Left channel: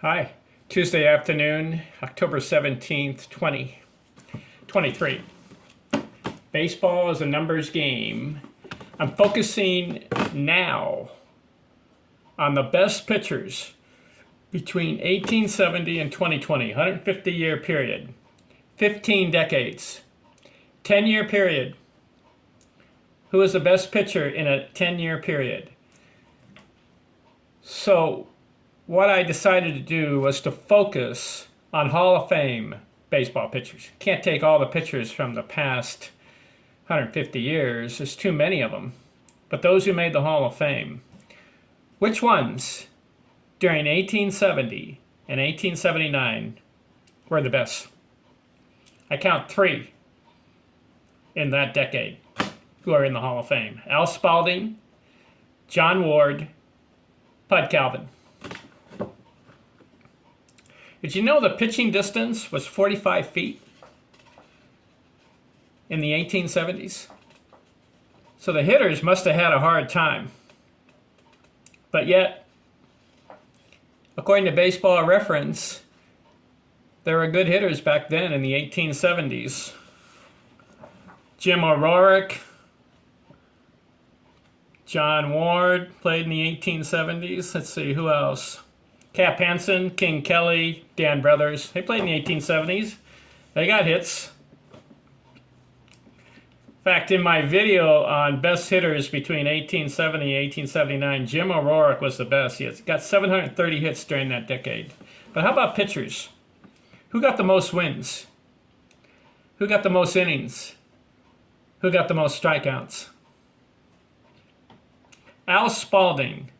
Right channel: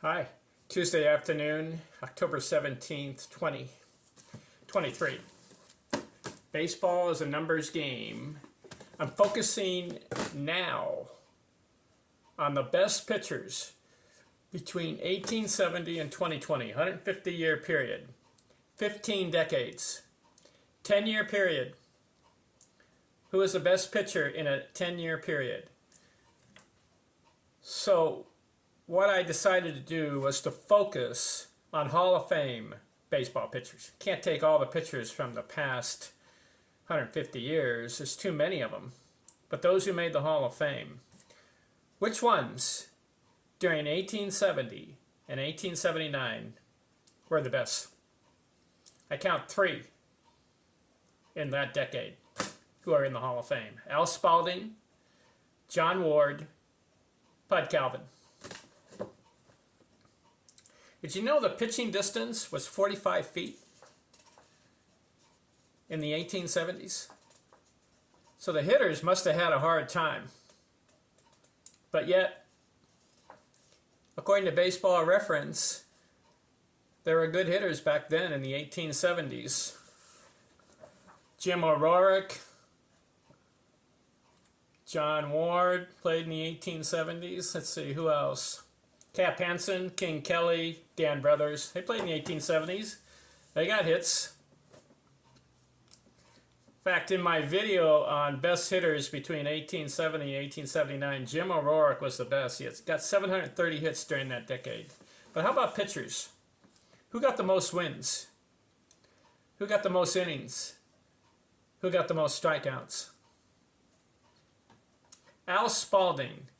Hi, Tuesday afternoon, October 17th, 2023. Baseball is a numbers game. I'm focusing now on the best pitchers between 1870 and 2020, 150-year period, 15 decades, 10-year period. Who is the best pitcher in a 10-year period? So what I decided to do was to focus on Hall of Fame baseball pitchers. Can't take all the pitchers from the past 150 years. There's too many of them. But those who made the Hall of Fame, which ones during 1870 and 1879 were the best? I count three in that decade who are in the Hall of Fame. Al Spalding, John Ward, Bud Calvin. Did you know the pitching distance was 45 feet in the 1870s? So the hitters must have had a hard time. But yet, according to Baseball Reference, there were good hitters back then in the 1870s. Jim O'Rourke, John Ward played in the 1870s. Let's see, who else? Cap Hansen, King Kelly, Dan Brothers. They played in the 1870s. They got hits. In fact, in my video on best hitters between 1870 and 1879, Jim O'Rourke was the best. He got 730 hits during that decade. But how about pitchers? Who got the most wins? Who got the most innings? Who got the most strikeouts? Al Spalding,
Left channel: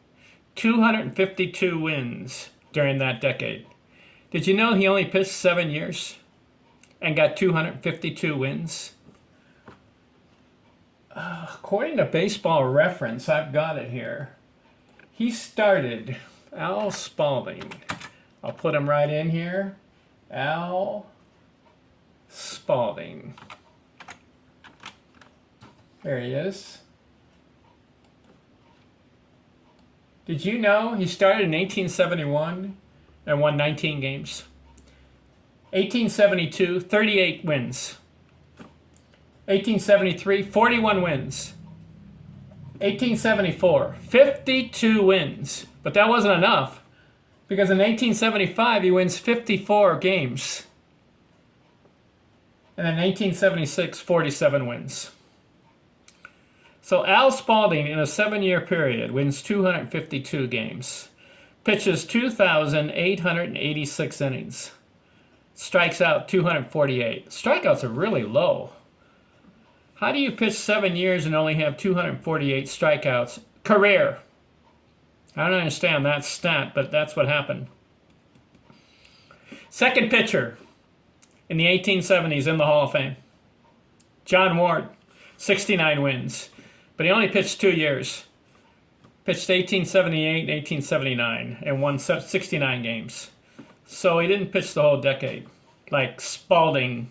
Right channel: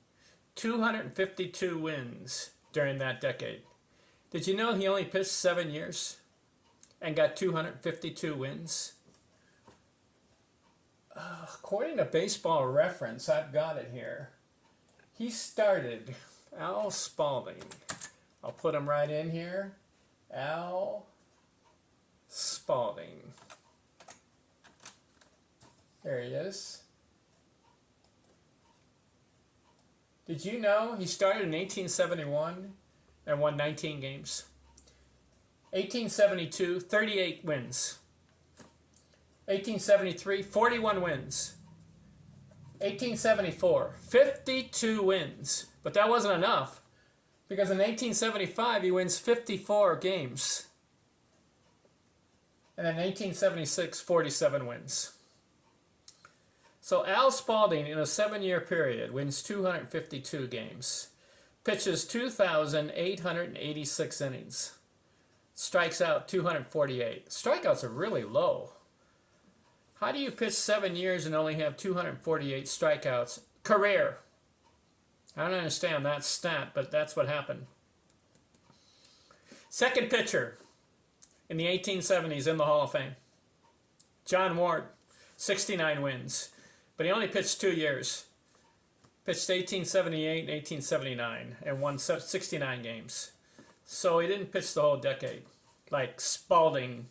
252 wins during that decade. Did you know he only pitched 7 years and got 252 wins? According to Baseball Reference, I've got it here. He started, Al Spalding. I'll put him right in here. Al Spalding. There he is. Did you know he started in 1871 and won 19 games? 1872, 38 wins. 1873, 41 wins. 1874, 52 wins. But that wasn't enough, because in 1875 he wins 54 games. And in 1876, 47 wins. So Al Spalding, in a 7-year period, wins 252 games, pitches 2,886 innings, strikes out 248. Strikeouts are really low. How do you pitch 7 years and only have 248 strikeouts? Career. I don't understand that stat, but that's what happened. Second pitcher in the 1870s in the Hall of Fame, John Ward, 69 wins. But he only pitched 2 years. Pitched 1878 and 1879 and won 69 games. So he didn't pitch the whole decade, like Spalding.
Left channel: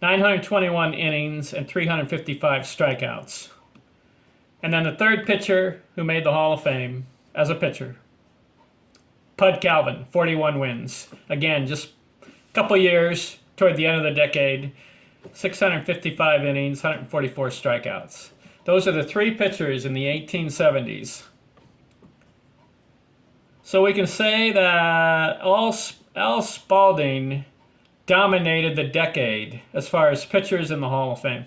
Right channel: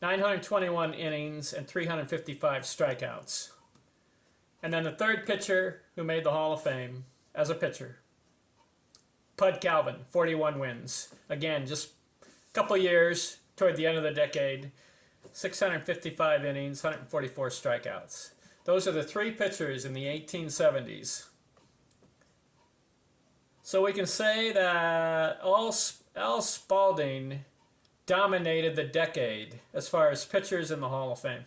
921 innings and 355 strikeouts. And then the third pitcher who made the Hall of Fame as a pitcher, Bud Calvin, 41 wins. Again, just a couple years toward the end of the decade. 655 innings, 144 strikeouts. Those are the three pitchers in the 1870s. So we can say that Al Spalding dominated the decade as far as pitchers in the Hall of Fame.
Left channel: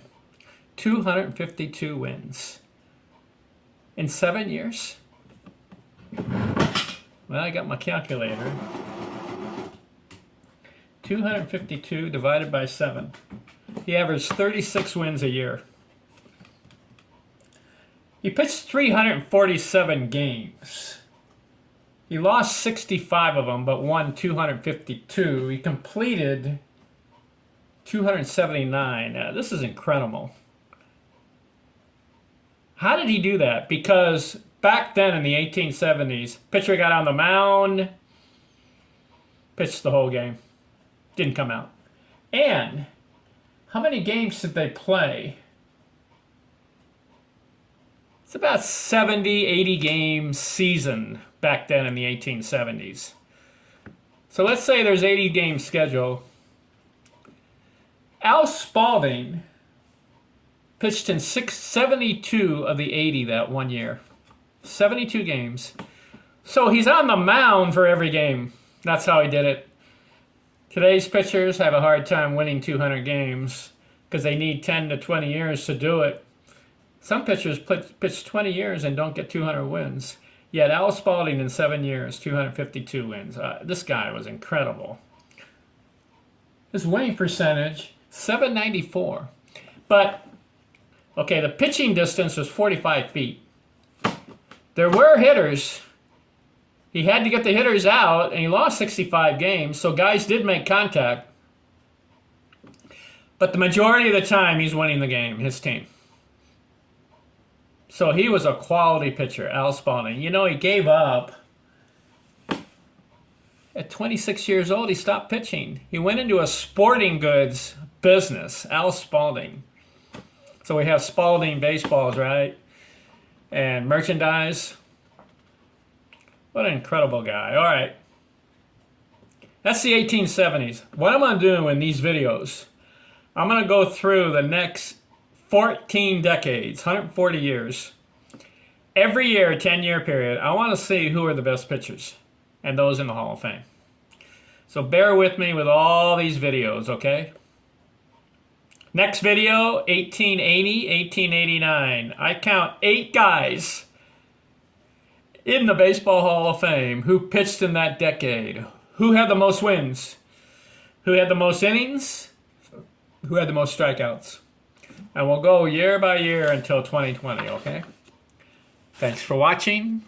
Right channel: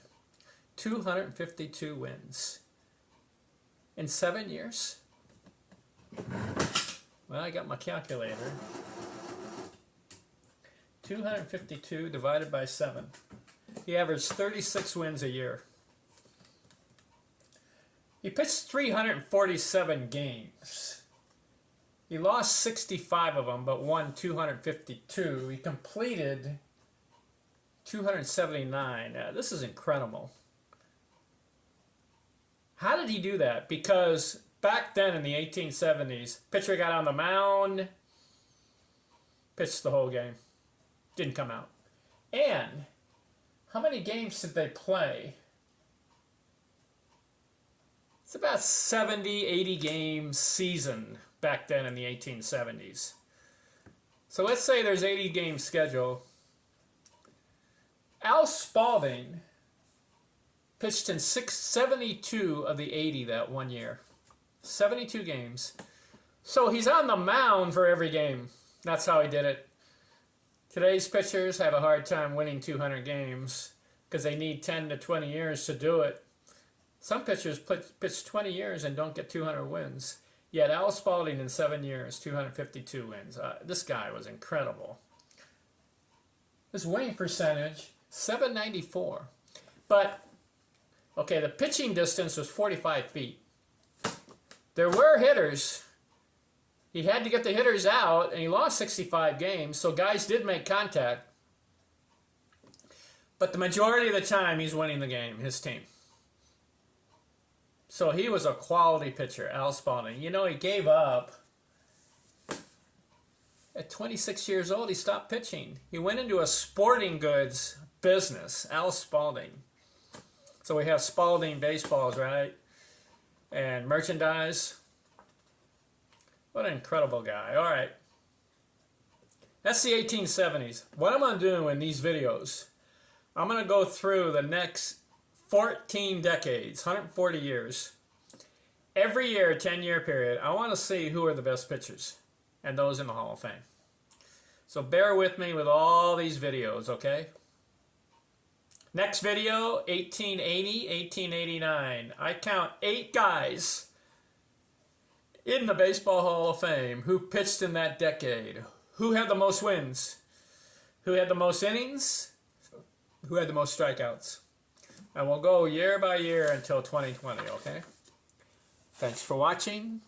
252 wins. In 7 years? Well, I got my calculator. 252 divided by 7. He averaged 36 wins a year. He pitched 347 games. He lost 65 of them, but won 252. He completed 279. This is incredible. How did he do that? Because back then in the 1870s, pitcher got on the mound, pitched the whole game, didn't come out. And how many games did they play? It's about 70, 80 game season back then in the 1870s. So let's say there's 80 game schedule. Al Spalding pitched in 72 of the 80 that one year. 72 games. So he's on the mound for every game. That's how he did it. Today's pitchers have a hard time winning 200 games because they need 10 to 20 years to do it. Some pitchers pitch 20 years and don't get 200 wins. Yet Al Spalding in 7 years, 252 wins. This guy was incredible. His winning percentage, 794. But, okay, the pitching distance was 45 feet. There were hitters. He had to get the hitters out, and he lost 65 games, so guys did make contact. But the majority of the time, he's winning the game, his team. So he was a quality pitcher, Al Spalding. You know, he gave up. At 26 years old, he stopped pitching. He went into a sporting goods business, Al Spalding. So we have Spalding baseballs, right? And merchandise. What an incredible guy. All right. That's the 1870s. What I'm going to do in these videos, I'm going to go through the next 14 decades, 140 years. Every year, a 10-year period, I want to see who are the best pitchers and those in the Hall of Fame. So bear with me with all these videos, okay? Next video, 1880, 1889. I count 8 guys in the Baseball Hall of Fame who pitched in that decade. Who had the most wins? Who had the most innings? Who had the most strikeouts? And we'll go year by year until 2020, okay? Thanks for watching.